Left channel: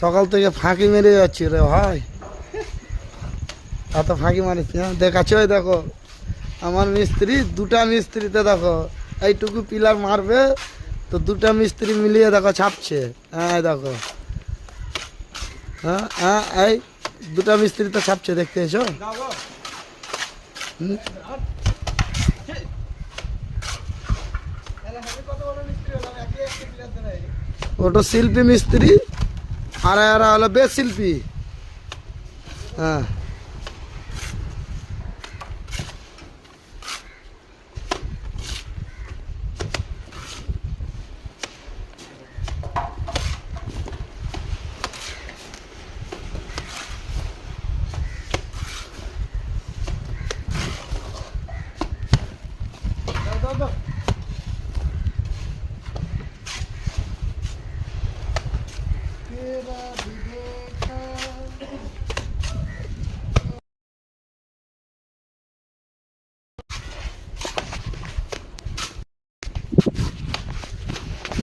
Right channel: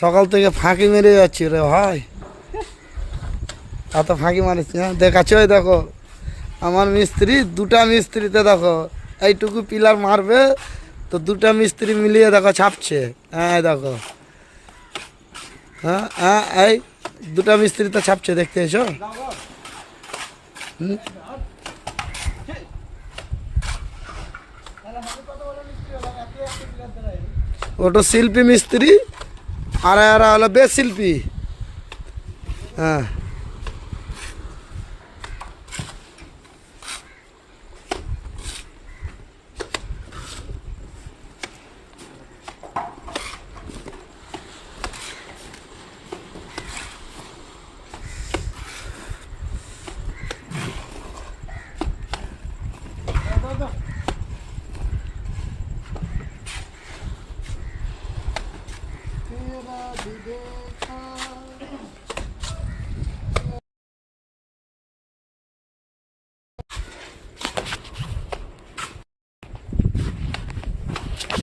সকাল থেকে ফাঁকি মেরে যাচ্ছি রে ভাই। এত ফাঁকি মারিস না, দেখাচ্ছি ওই দেখো আমার মিস্ত্রি, দুটা মিস্ত্রিতে দেখো এইটুকু পিলার মারবে তো দুটা মিস্ত্রি মিলিয়ে দেখো ছাপছে। হ্যাঁ দেখো, হ্যাঁ হ্যাঁ এই দুটা মিস্ত্রি তো ছাপছে, দেখতে এসো। ওটা শিল্পী মিস্ত্রি আর এরা হলো বেশ শিল্পী। হ্যাঁ तेरा भी देखा